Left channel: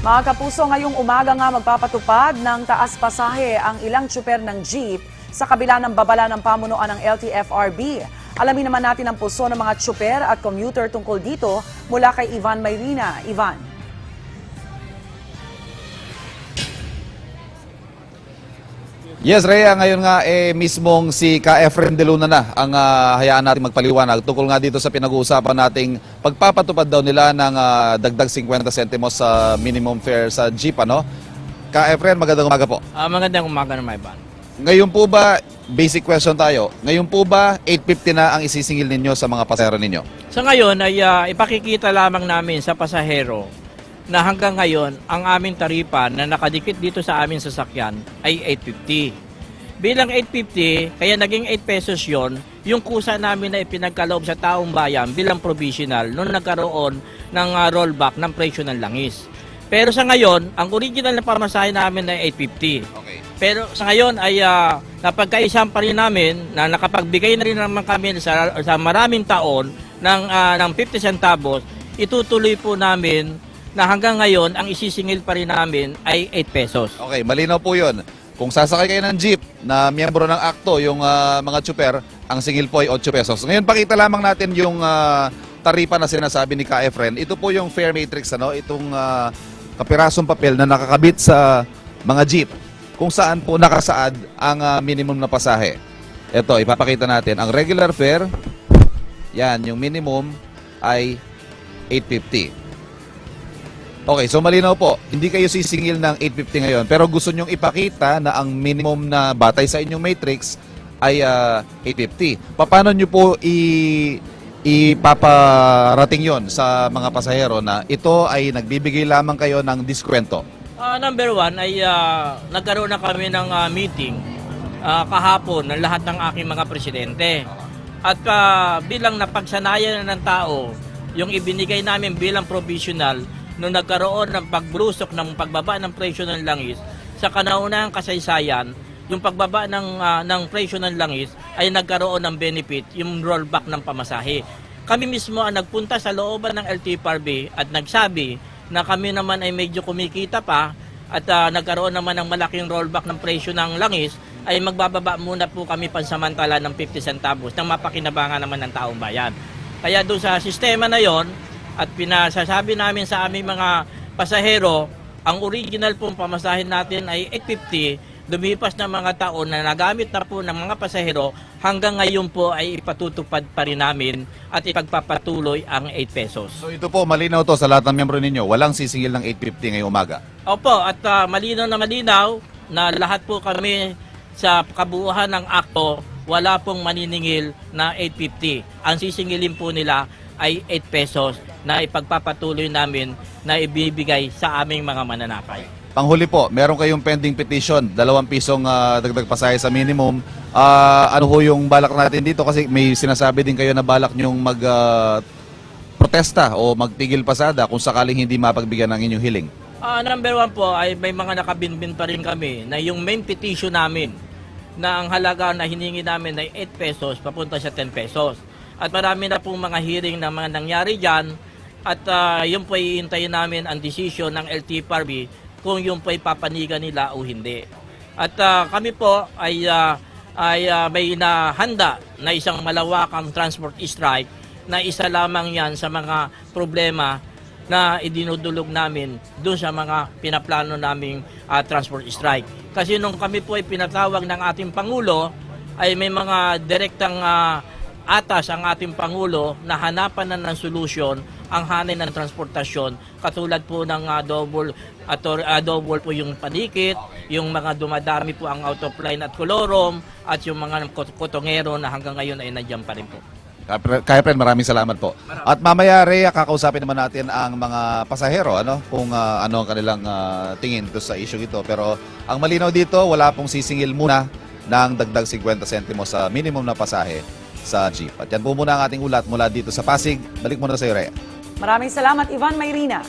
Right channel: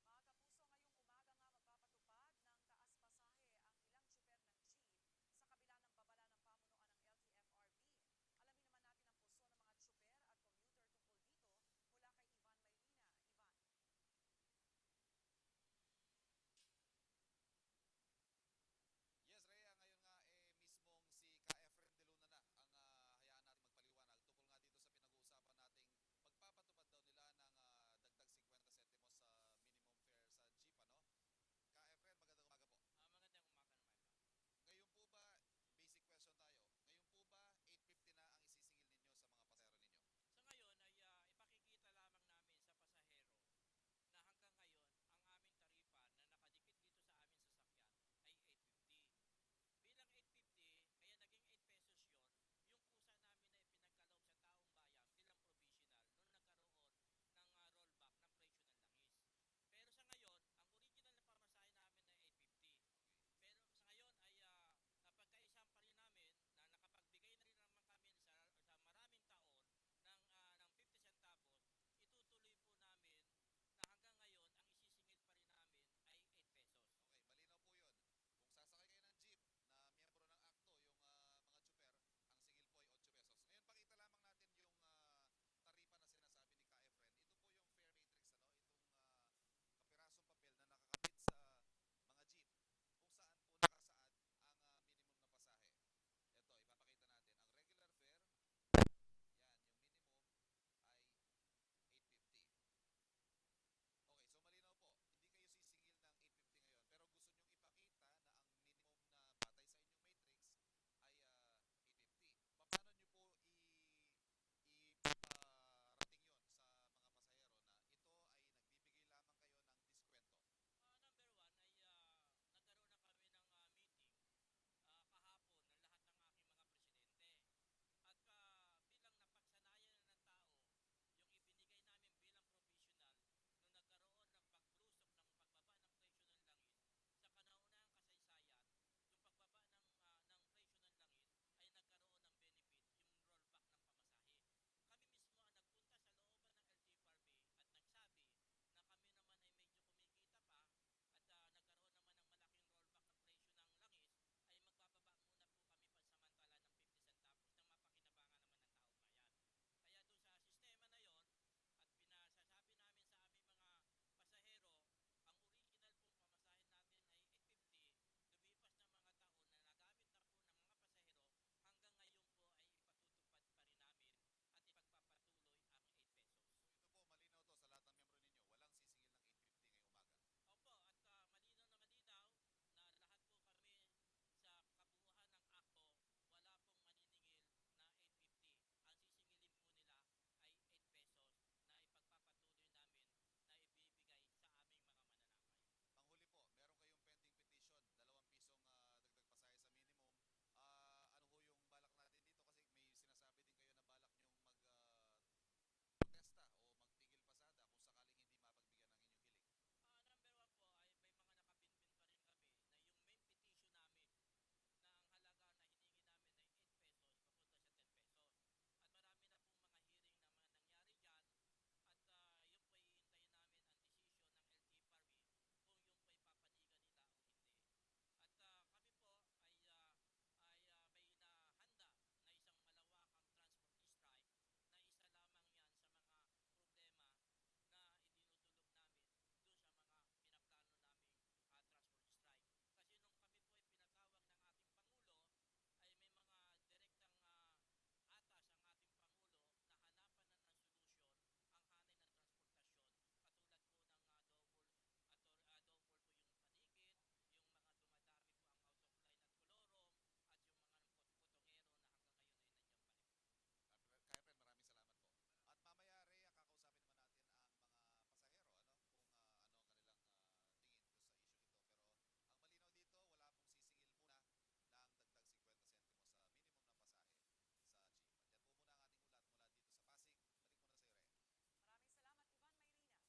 Mga kapuso, ngayong umaga nga magpapatupad ng taas pasahe ang ilang tsuper ng jeep sa kabila ng babala ng pamunuan ng LTFRB. Alamin naman natin ang pulso ng mga tsuper at commuter tungkol dito mula kay Ivan Mayrina. Ivan. Yes, Rhea, ngayon nga mismong si Ka Efren De Luna na ang hayaan natin magpaliwanag tungkol nga dito sa pinag-uusapan nating pagpapatupad daw nila ng dagdag 50 centimos sa minimum fare sa jeep, ano? Ka Efren, magandang umaga po. Magandang umaga naman, Ivan. Ngayon po ba, basic question tayo, ngayon po ba 850 na ang isisingil ninyo sa mga pasahero ninyo? Sa ngayon ay ipakikita lamang namin sa pasahero na hanggang ngayon ang aming taripa na nakadikit dito sa aming sasakyan ay 850. Bilang 850, kaya naging 8 pesos yon, yung kusa namin na ipinagkaloob sa taong bayan bilang provisional nung nagkaroon ng rollback ng presyo ng langis. Pero sa ngayon, ang original na pamasahe namin ay 850. Okay. Pero sa ngayon ay napagkaisang pa rin namin na nakapagbigay na rin naman kami sa maraming taon ng 50 centavos, itutuloy po namin na hanggang ngayon ang isisingil pa rin namin ay 8 pesos. Okay, malinaw po yun. Kung sasakay kayo ng jeep na miyembro ng AKTO, yung mga tsuper, ang singil po ay 8 pesos. Ngayon, pakita lamang natin yung taripa na sinasabi ni Ka Efren. Ito po yung fare matrix, ano? Itong kapirasong papel na nakakabit sa mga jeep kung saan po nakasaad ang minimum na pasahe. Ito, ipapakita natin. Ang regular fare, yan, yung minimum ay 850. Okay, so malinaw po, hindi kayo sisingil ng 850 ngayon, pero gusto nyong ipakita na ang minimum na batay sa inyong matrix ay 850. Paano nyo po ipaparating yon sa mga pasahero na ito ay nagbibigay lamang kayo ng diskwento? Number one ay nagkaroon na kami ng meeting kahapon ng lahat ng aking mga presidente. At bilang napagsanayan na ng tao, yung ibinigay namin bilang provisional nung nagkaroon ng pagbrusok ng pagbaba ng presyo ng langis, sa kanaunahang kasaysayan, yung pagbaba ng presyo ng langis ay nagkaroon ng benefit, yung rollback ng pamasahe. Kami mismo ang nagpunta sa looban ng LTFRB at nagsabi na kami naman ay medyo kumikita pa at nagkaroon naman ng malaking rollback ng presyo ng langis, ay magbababa muna po kami pansamantala ng 50 centavos nang mapakinabangan naman ng taong bayan. Kaya doon sa sistema na yon, at pinasasabi namin sa aming mga pasahero, ang original pong pamasahin natin ay 850, lumipas na mga taon na nagamit na po ng mga pasahero, hanggang ngayon po ay ipatutupad pa rin namin at ipagpapatuloy ang 8 pesos. So ito po, malinaw to sa lahat ng miyembro ninyo, walang sisingil ng 850 ngayong umaga. Opo, at malinaw na lahat po kami sa kabuuan ng akto, wala pong maniningil na 850. Ang sisingilin po nila ay 8 pesos na ipagpapatuloy namin na ibibigay sa aming mga mananakay. Panghuli po, meron kayong pending petition, 2 pisong dagdag pasahe sa minimum. Ano ho yung balak natin dito? Kasi may sinasabi din kayo na balak nyong protesta o magtigil pasada kung sakaling hindi mapagbigyan ng inyong hiling. Number one po ay may mga nakabinbin pa rin kami na yung main petition namin na ang halaga na hiningi namin ay 8 pesos papunta sa 10 pesos. At marami na pong mga hearing na mga nangyari dyan at yun po iintayin namin ang desisyon ng LTFRB kung yun po ipapanigan nila o hindi. At kami po ay may nahanda na isang malawakang transport strike na isa lamang yan sa mga problema na idinudulog namin doon sa mga pinaplano naming transport strike. Kasi nung kami po ay pinatawag ng ating Pangulo, ay may mga direktang atas ang ating Pangulo na hanapan na ng solusyon ang hanay ng transportasyon, katulad po ng double po yung panikit, yung mga dumadami po ang out of line at kolorom, at yung mga kotongero na hanggang ngayon ay nandiyan pa rin po. Kaya friend, maraming salamat po. At mamaya, Rhea, kakausapin naman natin ang mga pasahero, ano, kung ano ang kanilang tingin dito sa issue ito. Pero ang malinaw dito, wala pong sisingil muna ng dagdag 50 centimos sa minimum na pasahe sa jeep. At yan po muna ang ating ulat mula dito sa Pasig. Balik muna sa iyo, Rhea. Maraming salamat, Ivan Mayrina.